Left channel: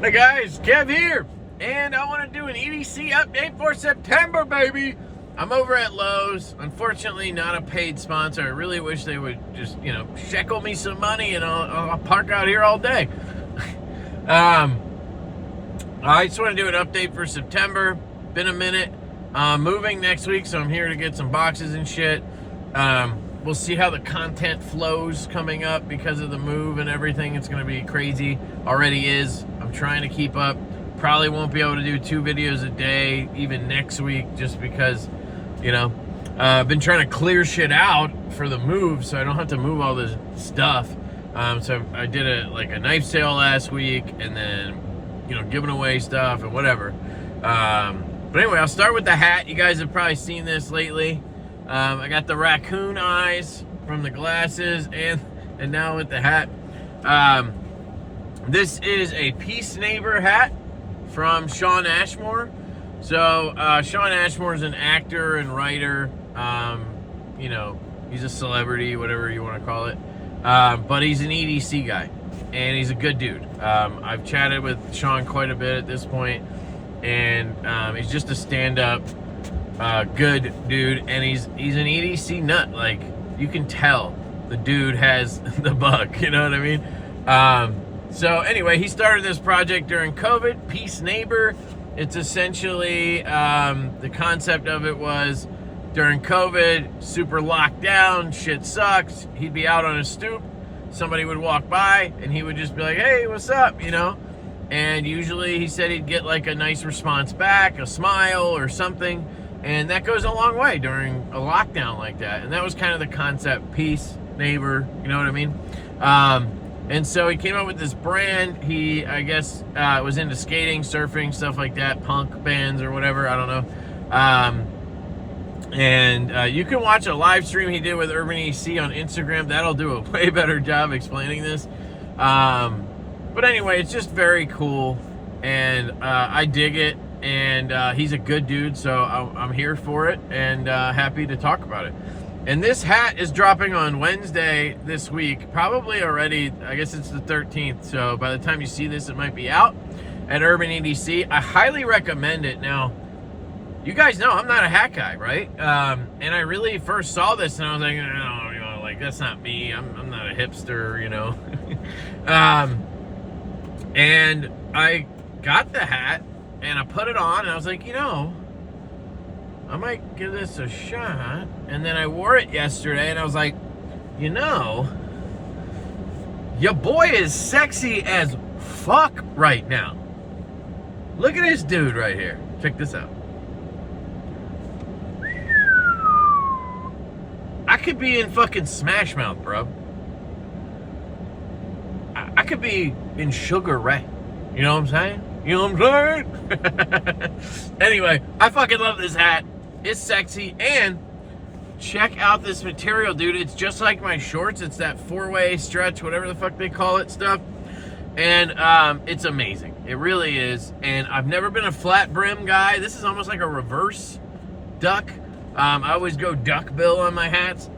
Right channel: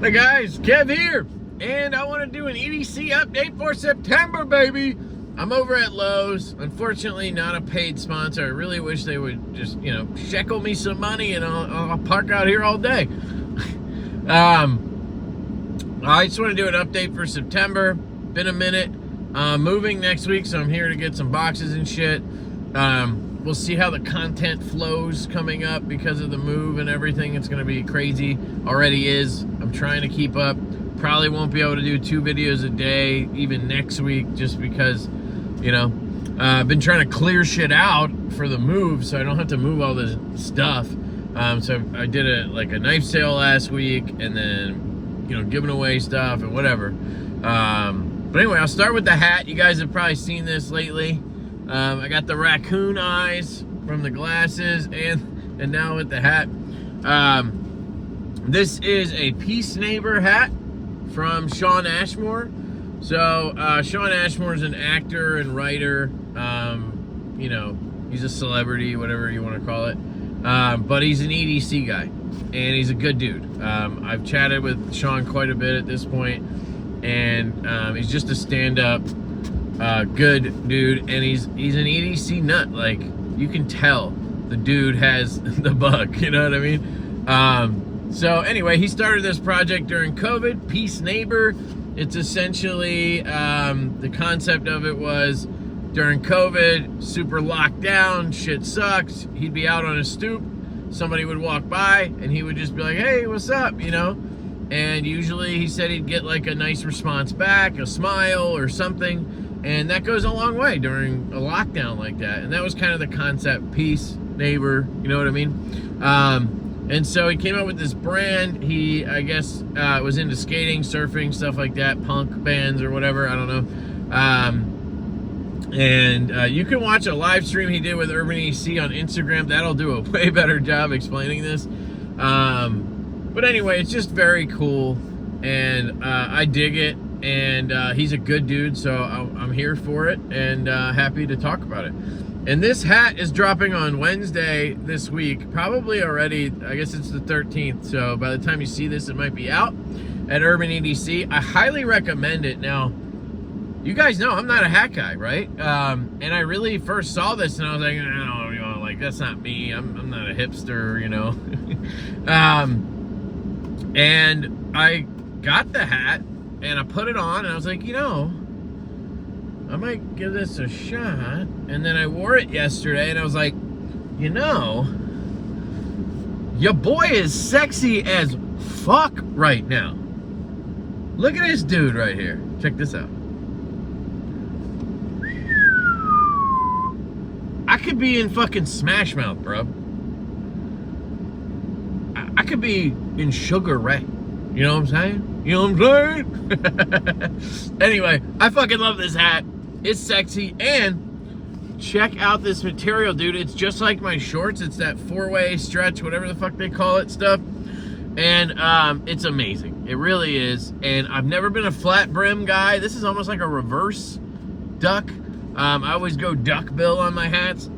Hey guys, Kev here, and I want to do an EDC update for September, baby. I'm over at Lowe's. Unfortunately, not a paid sponsor. I really wish they would just, shekel me some money and I'll park out here all day. I just want to do an update for September. Been a minute. Moving next week, so I'm here to get some boxes and shit. We'll see how the content flows coming up because of the move and everything. It's going to be crazy. Already is. I'm trying to keep up. Probably won't be able to do 2 videos a day, even next week, just because, I've been trying to clear shit out for the move so I don't have to move all this stuff. So I did a knife sale last week and then, giving away stuff and whatever. But anyway, I'll start with the hat. You guys have probably seen this lately. I got the raccoon eyes from the glasses and now with the hat. This is a Peace Neighbor hat from Shawn Ashmore. So Shawn Ashmore is an actor and writer. He's a celebrity, whatever you want to call it. But he's an EDC guy and he's a good dude. I've chatted with Shawn quite a bit at this point, and he's just a stand-up good dude, and he's an EDC nut. Like, you can tell the dude has the bug, you know what I mean? So anyway, he started this project during COVID, Peace Neighbor. It's essentially, the concept of it was during COVID, super locked down, shit sucks. He'd be out on a stoop, somebody would walk by and he would just be like, hey, what's up, And usually he said he'd get like a nice response back, a smile or something. And that goes a long way during a lockdown like that. And that was kind of the concept, Peace Neighbor, you know what I mean? And so he came up with this brand. He, I guess, was into skating, surfing, stuff like that, punk bands or whatever, I don't know. You can watch a live stream he did with EDC on Instagram. That'll do a way better job explaining this. But anyway, it's just very cool. And I dig it. And he's a good dude, so I'm here for it and happy to talk about it. And this hat is dropping on Wednesday this week, probably already. I guess it's the 13th, so by the time you see this, it might be out at Urban EDC. I highly recommend it. Now, you guys know I'm not a hat guy, right? And I really first saw this and I was like, no, that's not me. I'm not a hipster, And I got the hat and I put it on and I was like, I might give this a shot. And then I wore it yesterday and I was like, your boy is sexy as fuck right now. Look at this dude right here. Check this out. I could be in fucking Smash Mouth, bro. I could be in Sugar Ray. You know what I'm saying? You know what I'm saying? Anyway, I fucking love this hat. It's sexy. And check out this material, dude. It's just like my shorts. It's that 4-way stretch, whatever the fuck they call it stuff. And it's amazing. It really is. And I've never been a flat brim guy. This is almost like a reverse duck. I always go duck bill on my hats.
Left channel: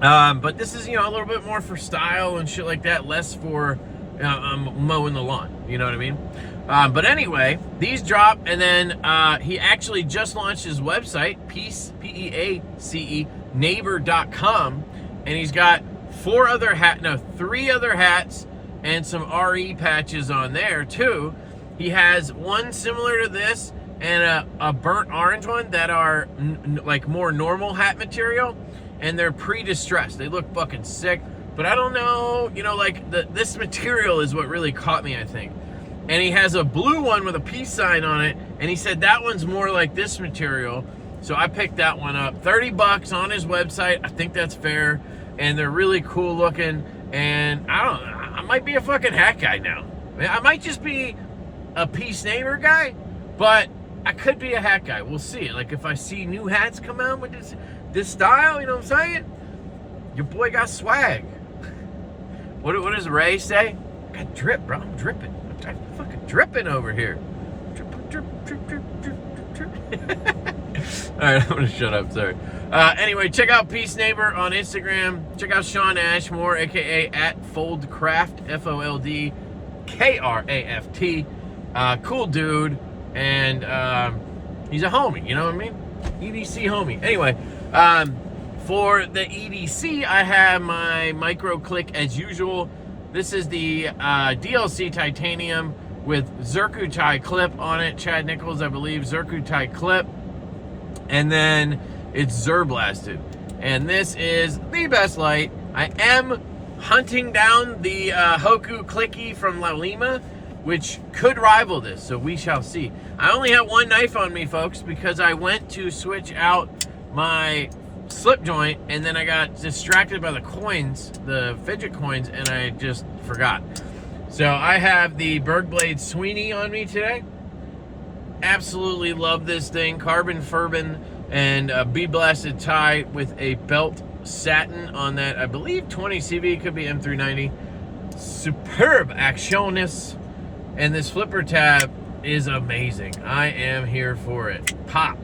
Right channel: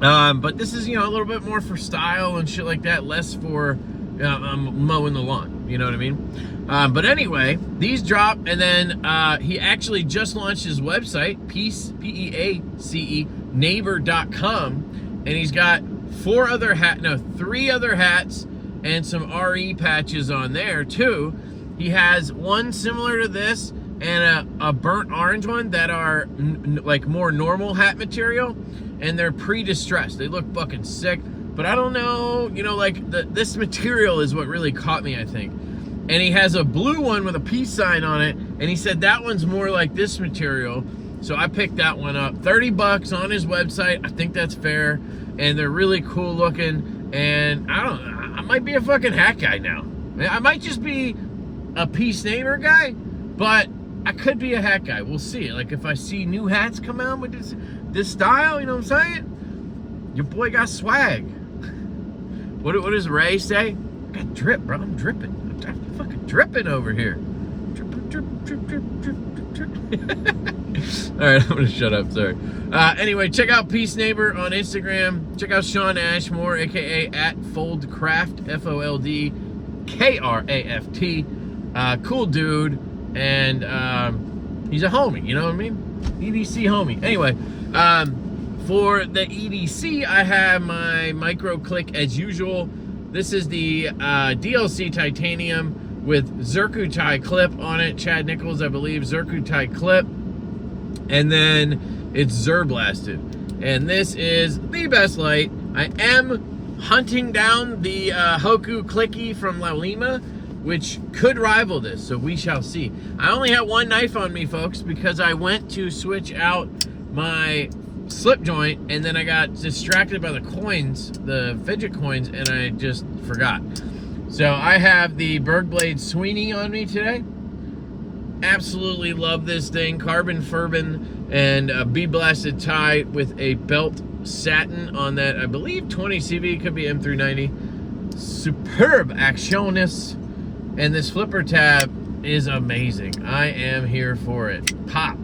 But this is, a little bit more for style and shit like that. Less for mowing the lawn, you know what I mean? But anyway, these drop, and then he actually just launched his website, Peace, P-E-A-C-E, neighbor.com, and he's got 3 other hats and some RE patches on there too. He has one similar to this and a burnt orange one that are like more normal hat material, and they're pre-distressed. They look fucking sick. But I don't know, this material is what really caught me, I think. And he has a blue one with a peace sign on it, and he said that one's more like this material. So I picked that one up. $30 on his website. I think that's fair. And they're really cool looking. And I might be a fucking hat guy now. I might just be a Peace Neighbor guy, but I could be a hat guy. We'll see. Like, if I see new hats come out with this style, you know what I'm saying? Your boy got swag. What does Ray say? I got drip, bro. I'm dripping. I'm fucking dripping over here. Drip, drip, drip, drip, drip, drip. All right, I'm gonna shut up. Sorry. Anyway, check out Peace Neighbor on Instagram. Check out Shawn Ashmore, aka @FoldCraft, Kraft. Cool dude, and he's a homie, you know what I mean? EDC homie. Anyway, for the EDC, I have my micro click as usual. This is the DLC titanium with Zircuti clip on it. Chad Nichols, I believe, Zircuti clip. And then it's Zurblasted. And this is the best light. I am hunting down the Hoku Clicky from La Lima, which could rival this, so we shall see. I only have one knife on me, folks, because I went to switch out my slip joint, and then I got distracted by the coins, the fidget coins, and I just forgot. So I have the Bergblade Sweeney on me today. Absolutely love this thing. Carbon Furbin and a bee-blasted tie with a belt satin on that. I believe 20 CV, could be M390. Superb actionis. And this flipper tab is amazing. I am here for it. Pop.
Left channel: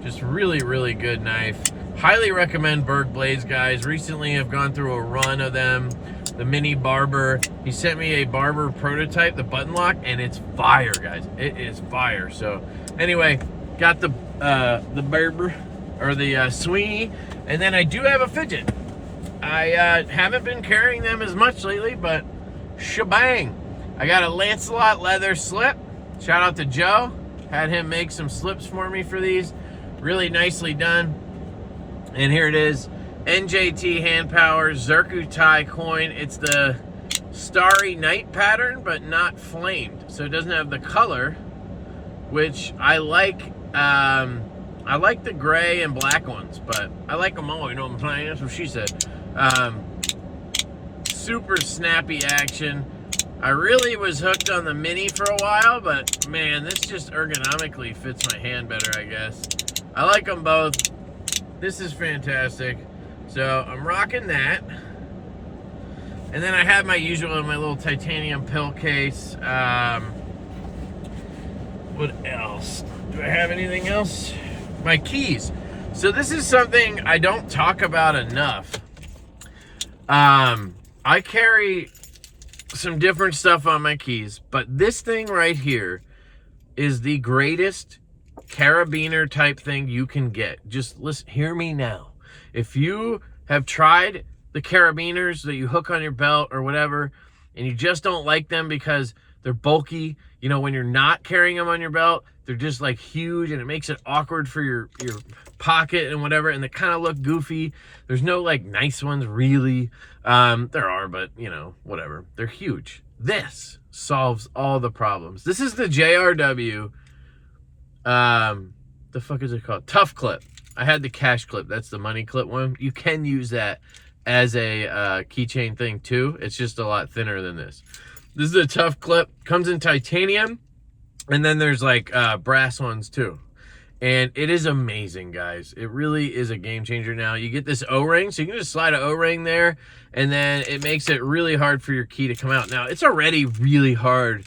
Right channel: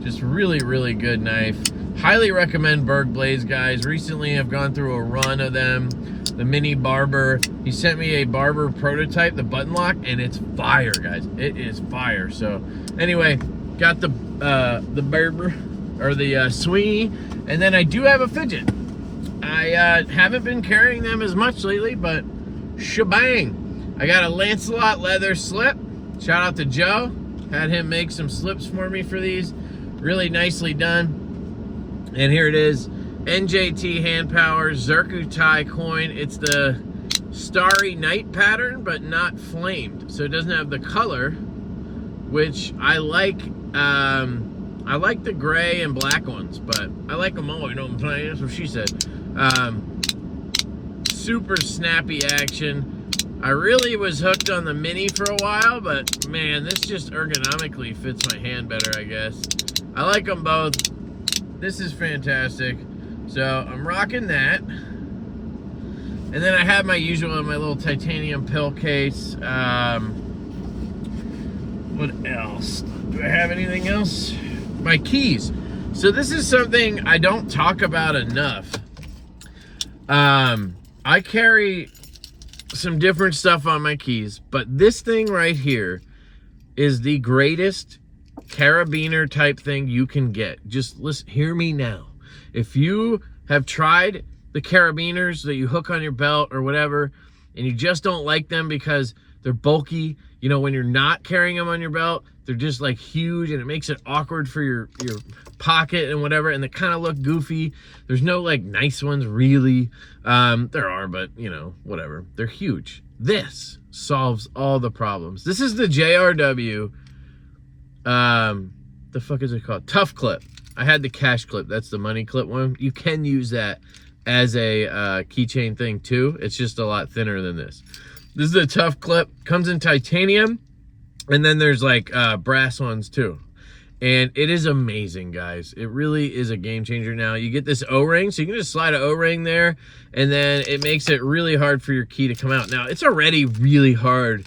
Just really, really good knife. Highly recommend Berg Blades, guys. Recently, I've gone through a run of them. The mini barber. He sent me a barber prototype, the button lock, and it's fire, guys. It is fire. So, anyway, got the barber, or the Sweeney, and then I do have a fidget. I haven't been carrying them as much lately, but shebang. I got a Lancelot leather slip. Shout out to Joe. Had him make some slips for me for these. Really nicely done. And here it is. NJT hand power Zircuti coin. It's the Starry Night pattern, but not flamed. So it doesn't have the color, which I like. I like the gray and black ones, but I like them all, you know what I'm saying? That's what she said. Super snappy action. I really was hooked on the mini for a while, but man, this just ergonomically fits my hand better, I guess. I like them both. This is fantastic. So I'm rocking that. And then I have my usual in my little titanium pill case. What else? Do I have anything else? My keys. So this is something I don't talk about enough. I carry some different stuff on my keys, but this thing right here is the greatest carabiner type thing you can get. Just listen, hear me now. If you have tried the carabiners that you hook on your belt or whatever, and you just don't like them because they're bulky, you know, when you're not carrying them on your belt, they're just like huge and it makes it awkward for your pocket and whatever, and they kind of look goofy. There's no like nice ones really. There are, but you know, whatever. They're huge. This solves all the problems. This is the JRW, the fuck is it called? Tough Clip. I had the cash clip. That's the money clip one. You can use that as a keychain thing too. It's just a lot thinner than this. This is the Tough Clip. Comes in titanium, and then there's like brass ones too. And it is amazing, guys. It really is a game changer now. You get this O-ring, so you can just slide an O-ring there, and then it makes it really hard for your key to come out. Now, it's already really hard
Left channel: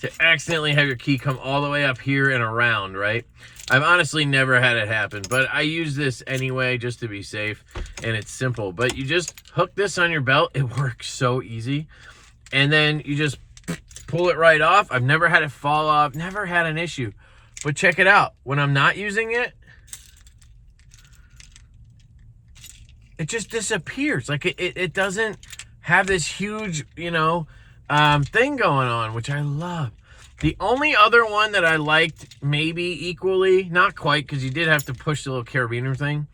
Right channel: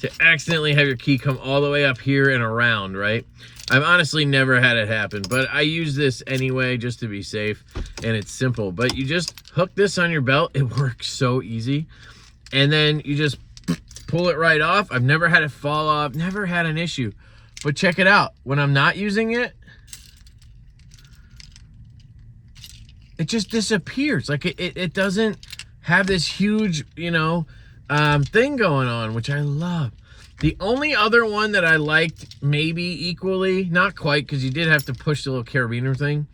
to accidentally have your key come all the way up here and around, right? I've honestly never had it happen, but I use this anyway just to be safe, and it's simple. But you just hook this on your belt. It works so easy. And then you just pull it right off. I've never had it fall off, never had an issue. But check it out. When I'm not using it, it just disappears. Like it doesn't have this huge, you know, thing going on, which I love. The only other one that I liked maybe equally, not quite, because you did have to push the little carabiner thing,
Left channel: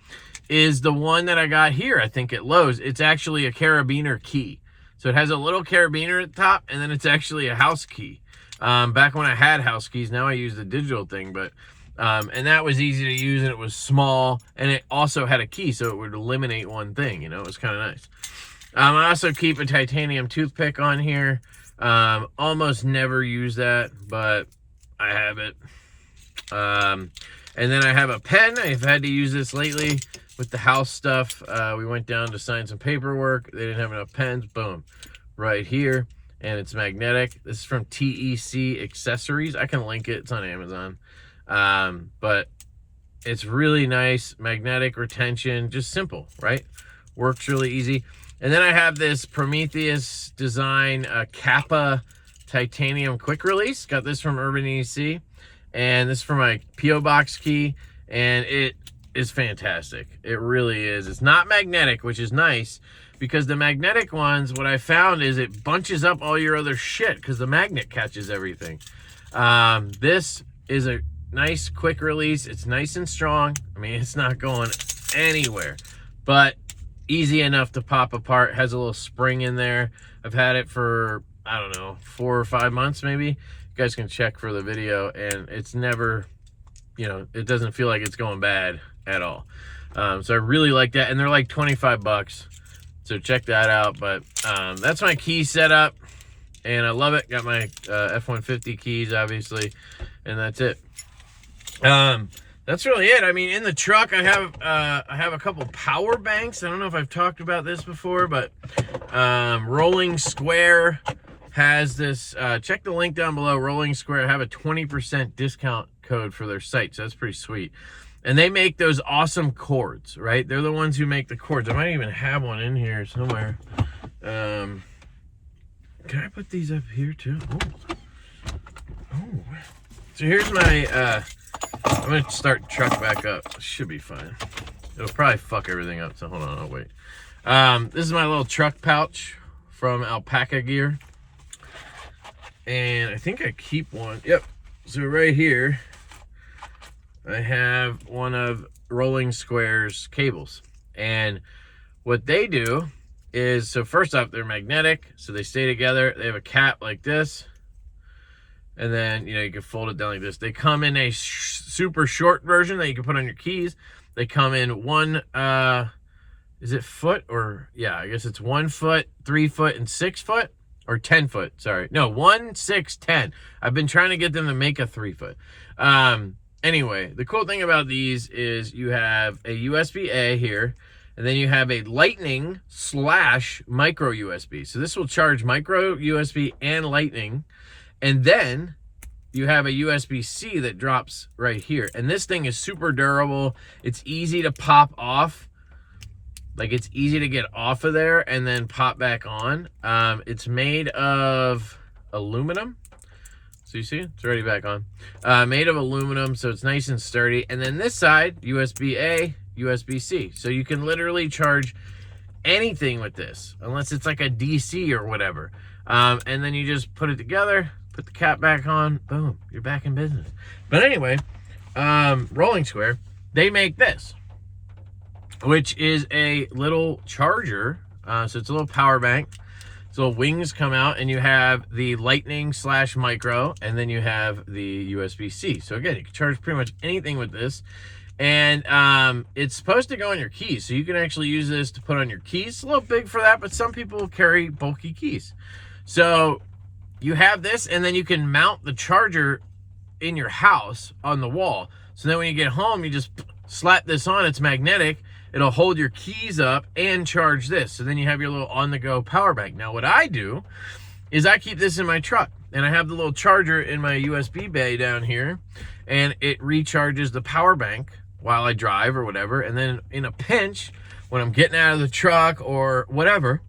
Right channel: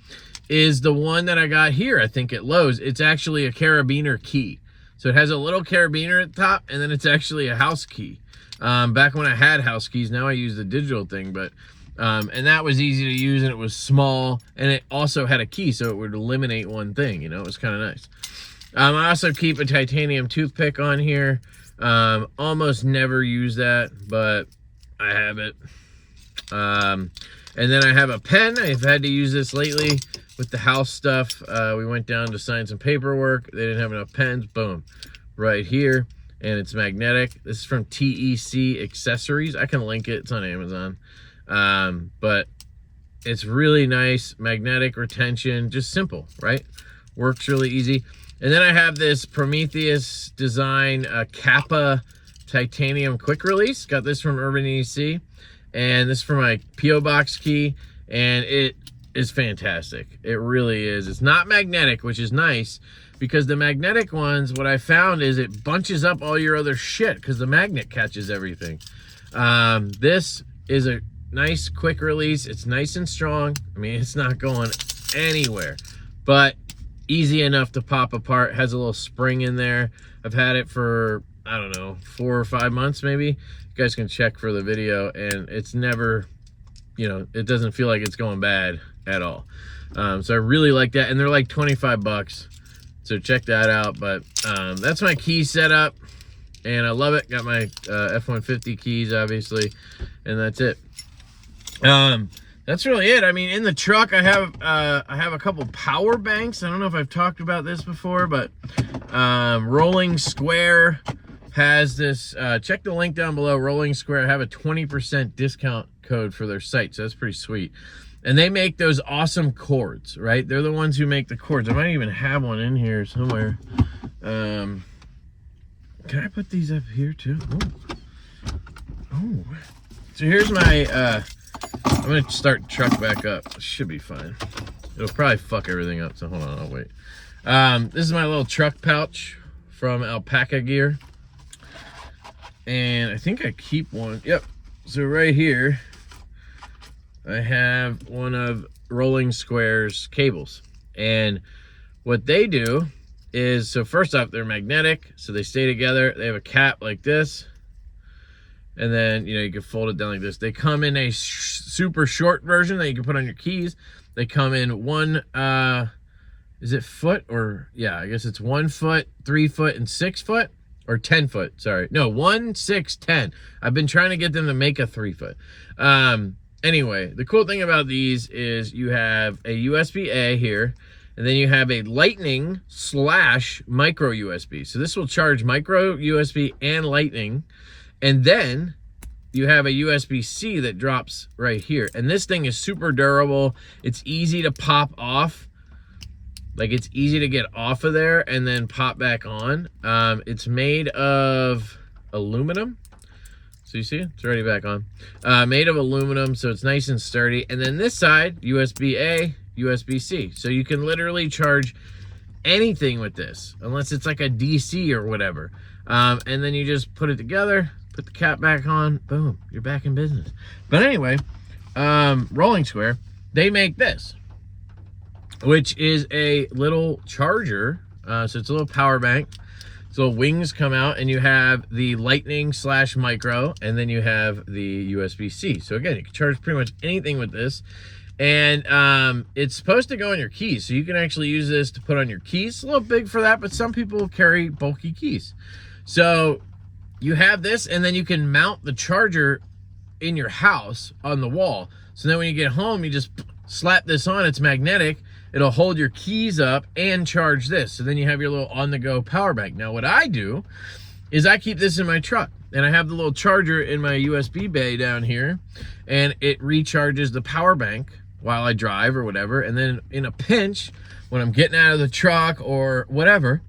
is the one that I got here, I think at Lowe's. It's actually a carabiner key. So it has a little carabiner at the top, and then it's actually a house key. Back when I had house keys, now I use the digital thing, but and that was easy to use, and it was small, and it also had a key, so it would eliminate one thing, you know. It was kind of nice. I also keep a titanium toothpick on here. Almost never use that, but I have it. And then I have a pen. I've had to use this lately with the house stuff. We went down to sign some paperwork. They didn't have enough pens. Boom, right here. And it's magnetic. This is from TEC Accessories. I can link it. It's on Amazon. But it's really nice. Magnetic retention. Just simple, right? Works really easy. And then I have this Prometheus design Kappa titanium quick release. Got this from Urban EDC, and this is for my P.O. box key, and it is fantastic. It really is. It's not magnetic, which is nice, because the magnetic ones, what I found is it bunches up all your other shit because the magnet catches everything. This is a nice quick release. It's nice and strong. I mean, it's not going anywhere, but easy enough to pop apart. Has a little spring in there. I've had it for, I don't know, 4 or 5 months maybe. You guys can check for the video, and it's never, you know, it doesn't feel like it's going bad at all. So I really like that, and they're like 25 bucks. So check that out. But that's my key setup, and I love it. Got my F-150 keys, obviously, and that's it. That's really it. I mean, in the truck, I have a couple power banks. I don't know if I've talked about this before, but Rolling Square has this. Check the link down below. Rolling Square have a 20% discount code for their site, so that's pretty sweet. And they make those awesome cords, right? They're the ones who make the cords. I might even have one in here somewhere. Can I put these up here too? Oh. So here's my, I'm gonna start the truck back up. It should be fine. It'll probably fuck everything up, so hold on, I'll wait. This is my little truck pouch from Alpaca Gear. And I think I keep one. Yep. So right here, I have one of Rolling Square's cables. And what they do is, so first off, they're magnetic, so they stay together. They have a cap like this. And then, you know, you can fold it down like this. They come in a super short version that you can put on your keys. They come in one, is it foot or, yeah, I guess it's 1 foot, 3 foot, and 6 foot, or 10 foot, sorry. No, 1, 6, 10. I've been trying to get them to make a 3 foot. Anyway, the cool thing about these is you have a USB-A here, and then you have a lightning / micro USB. So this will charge micro USB and lightning. And then you have a USB-C that drops right here. And this thing is super durable. It's easy to pop off. Like, it's easy to get off of there and then pop back on. It's made of aluminum. So you see, it's already back on. Made of aluminum, so it's nice and sturdy. And then this side, USB-A, USB-C. So you can literally charge anything with this, unless it's like a DC or whatever. And then you just put it together, put the cap back on, boom, you're back in business. But anyway, Rolling Square, they make this, which is a little charger. So it's a little power bank. So wings come out, and you have the lightning / micro, and then you have the USB-C. So again, you can charge pretty much anything with this. And it's supposed to go on your keys, so you can actually use this to put on your keys. It's a little big for that, but some people carry bulky keys. So you have this, and then you can mount the charger in your house on the wall. So then when you get home, you just slap this on. It's magnetic. It'll hold your keys up and charge this. So then you have your little on-the-go power bank. Now what I do is I keep this in my truck, and I have the little charger in my USB bay down here, and it recharges the power bank while I drive or whatever. And then in a pinch, when I'm getting out of the truck or whatever,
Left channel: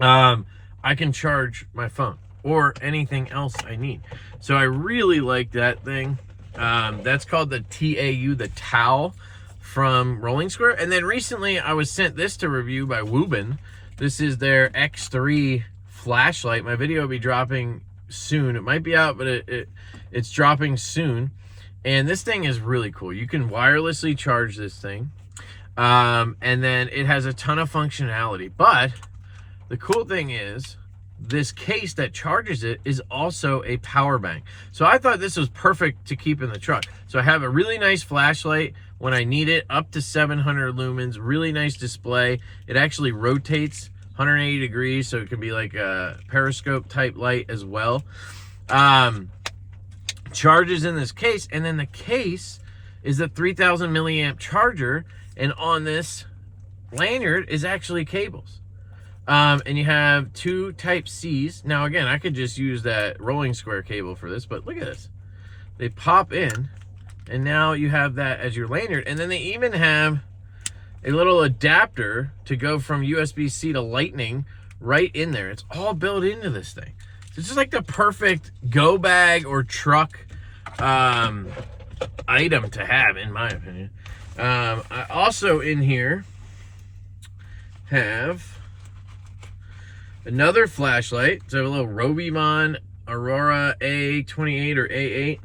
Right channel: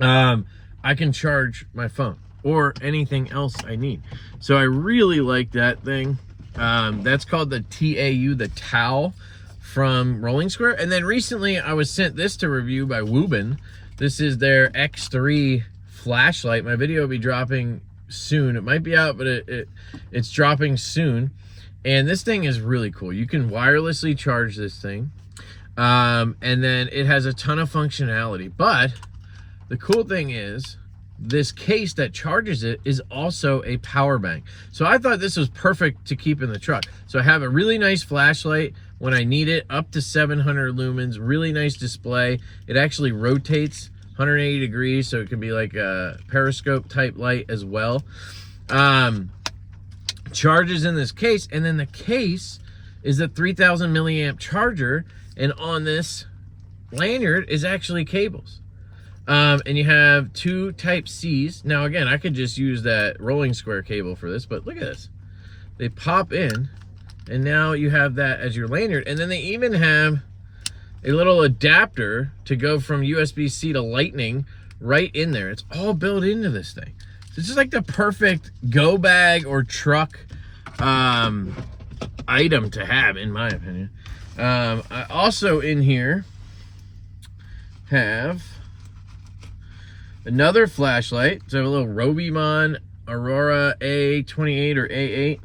I can charge my phone or anything else I need. So I really like that thing. That's called the TAU, the Tau, from Rolling Square. And then recently I was sent this to review by Woobin. This is their X3 flashlight. My video will be dropping soon. It might be out, but it's dropping soon. And this thing is really cool. You can wirelessly charge this thing. And then it has a ton of functionality. But the cool thing is, this case that charges it is also a power bank. So I thought this was perfect to keep in the truck. So I have a really nice flashlight when I need it, up to 700 lumens, really nice display. It actually rotates 180 degrees, so it can be like a periscope type light as well. Charges in this case, and then the case is a 3000 milliamp charger, and on this lanyard is actually cables. And you have 2 Type-Cs. Now again, I could just use that Rolling Square cable for this, but look at this. They pop in, and now you have that as your lanyard. And then they even have a little adapter to go from USB-C to lightning right in there. It's all built into this thing. This is like the perfect go bag or truck item to have, in my opinion. I also in here have another flashlight. So I have a little Robimon Aurora A28 or A8.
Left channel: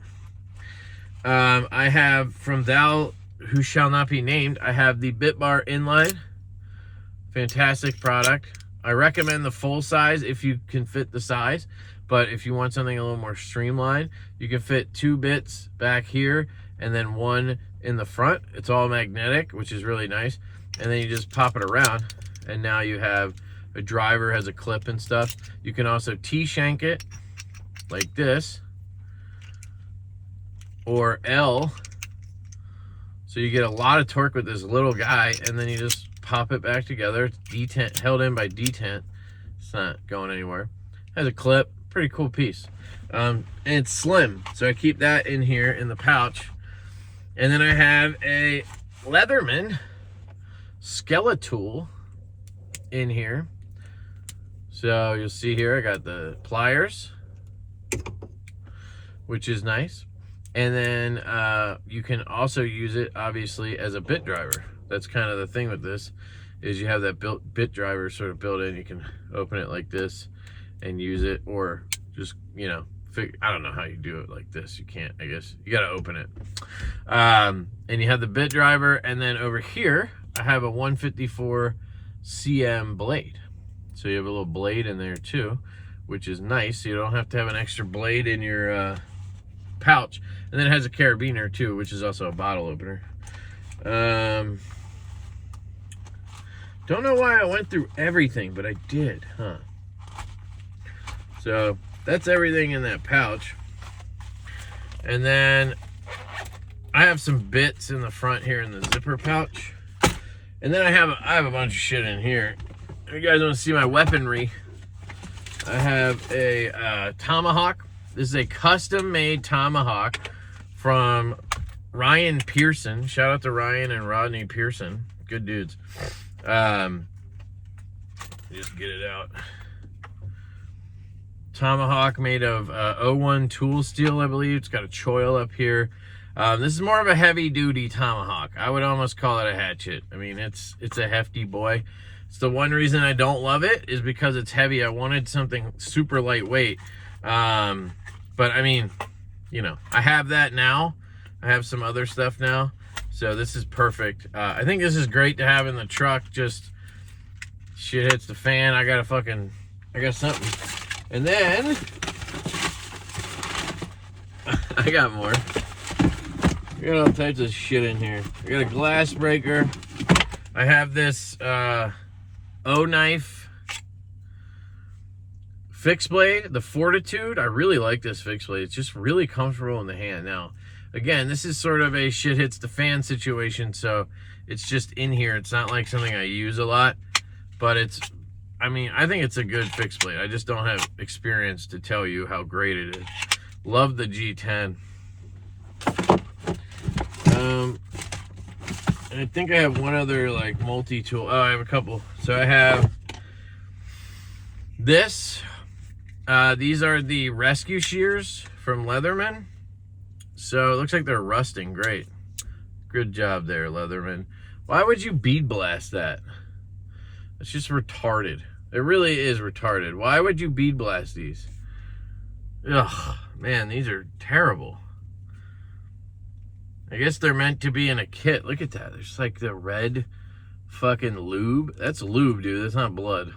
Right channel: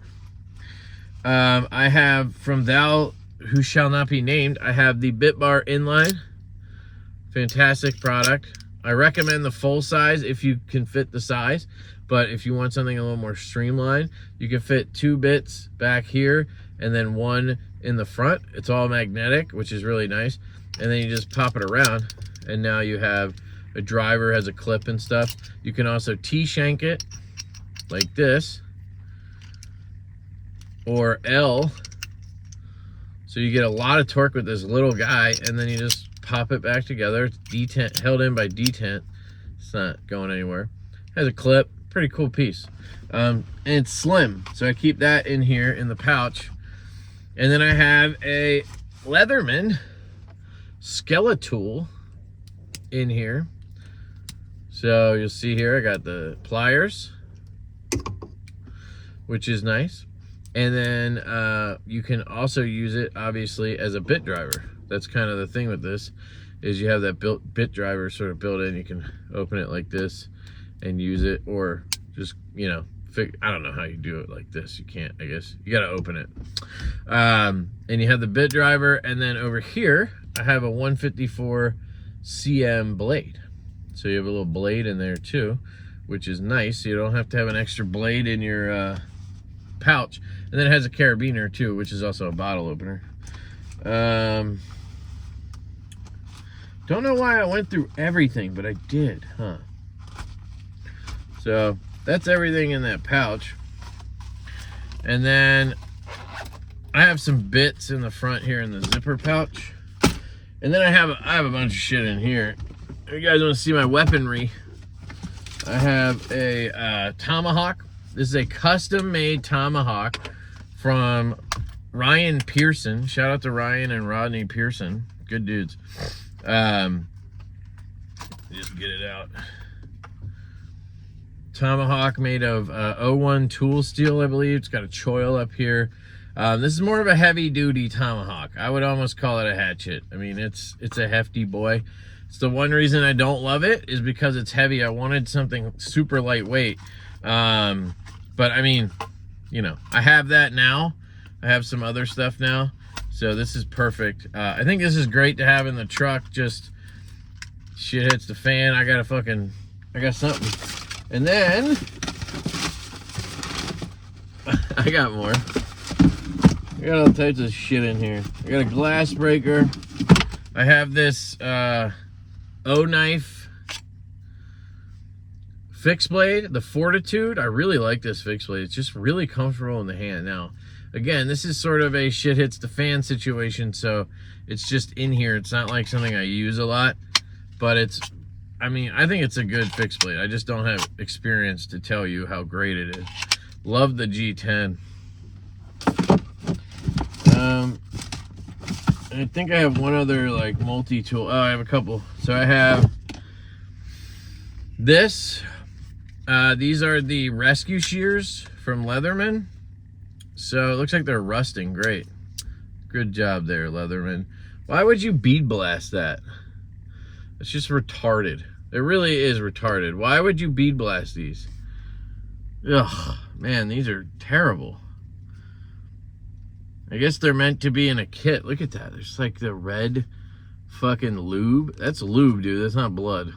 I have from Thou Who Shall Not Be Named, I have the Bit Bar Inline. Fantastic product. I recommend the full size if you can fit the size, but if you want something a little more streamlined, you can fit 2 bits back here and then 1 in the front. It's all magnetic, which is really nice. And then you just pop it around, and now you have a driver, has a clip and stuff. You can also T-shank it like this, or L, so you get a lot of torque with this little guy, and then you just pop it back together. It's detent, held in by detent. It's not going anywhere. Has a clip, pretty cool piece. And it's slim, so I keep that in here in the pouch. And then I have a Leatherman Skeletal in here. So you'll see here I got the pliers, which is nice. And then you can also use it obviously as a bit driver. That's kind of the thing with this, is you have that bit driver sort of built in. You can open it like this and use it, or just, you know, I don't know how you do it like this. You can't, I guess. You got to open it. And you have the bit driver, and then over here, I have a 154 cm blade. So you have a little blade in there too, which is nice. So you don't have to have an extra blade in your pouch. And then it has a carabiner too, which is also a bottle opener. Don't know why I went through everything, but I did, huh? So that's everything in that pouch. And then I have some bits in the front here in the zipper pouch. And then I have a bunch of shit in here. If you guys want to see my weaponry, I have a tomahawk. This is a custom-made tomahawk from Ryan Pearson. Shout out to Ryan and Rodney Pearson. Good dudes. Just get it out. Tomahawk made of 01 tool steel, I believe. It's got a choil up here. This is more of a heavy-duty tomahawk. I would almost call it a hatchet. I mean, it's a hefty boy. It's the one reason I don't love it is because it's heavy. I wanted something super lightweight. But I mean, you know, I have that now. I have some other stuff now. So this is perfect. I think this is great to have in the truck. Just shit hits the fan. I got something. And then I got more. I got all types of shit in here. I got a glass breaker. I have this O-knife fixed blade, the Fortitude. I really like this fixed blade. It's just really comfortable in the hand. Now, again, this is sort of a shit hits the fan situation, so it's just in here. It's not like something I use a lot, but it's, I mean, I think it's a good fixed blade. I just don't have experience to tell you how great it is. Love the G10. I think I have one other like multi-tool. Oh, I have a couple. So I have this. These are the rescue shears from Leatherman. So it looks like they're rusting. Great. Good job there, Leatherman. Why would you bead blast that? It's just retarded. It really is retarded. Why would you bead blast these? Ugh, man, these are terrible. I guess they're meant to be in a kit. Look at that. There's like the red fucking lube. That's lube, dude. That's not blood.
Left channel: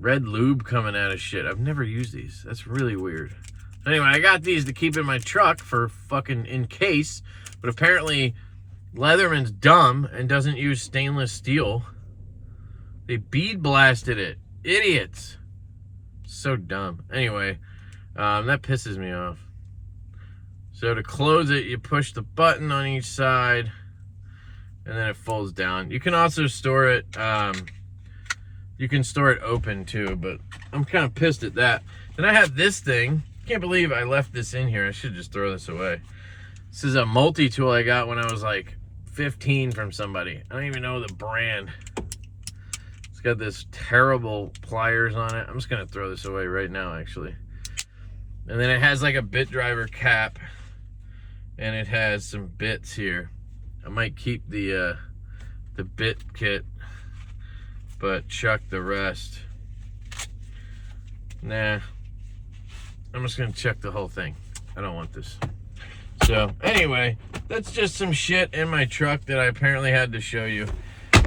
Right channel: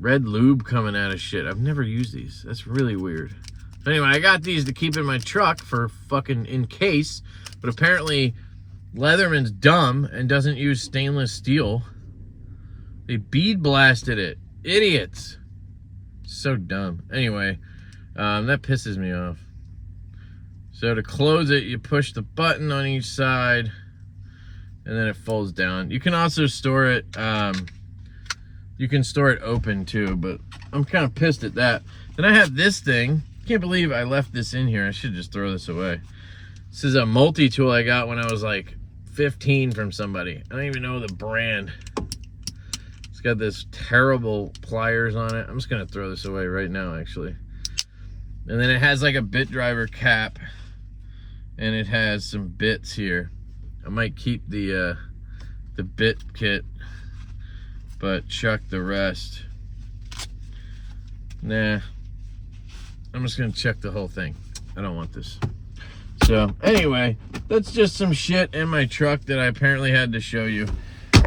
Red lube coming out of shit. I've never used these. That's really weird. Anyway, I got these to keep in my truck for fucking in case. But apparently Leatherman's dumb and doesn't use stainless steel. They bead blasted it. Idiots. So dumb. Anyway, that pisses me off. So to close it, you push the button on each side, and then it folds down. You can also store it, you can store it open too, but I'm kind of pissed at that. Then I have this thing. Can't believe I left this in here. I should just throw this away. This is a multi-tool I got when I was like 15 from somebody. I don't even know the brand. It's got this terrible pliers on it. I'm just gonna throw this away right now, actually. And then it has like a bit driver cap, and it has some bits here. I might keep the bit kit, but chuck the rest. Nah, I'm just gonna chuck the whole thing. I don't want this. So anyway, that's just some shit in my truck that I apparently had to show you,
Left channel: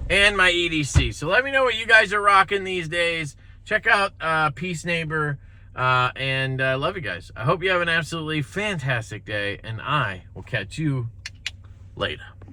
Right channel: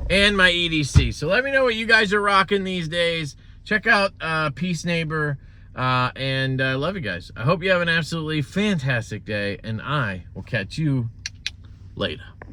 and my EDC. So let me know what you guys are rocking these days. Check out Peace Neighbor, and I love you guys. I hope you have an absolutely fantastic day, and I will catch you later.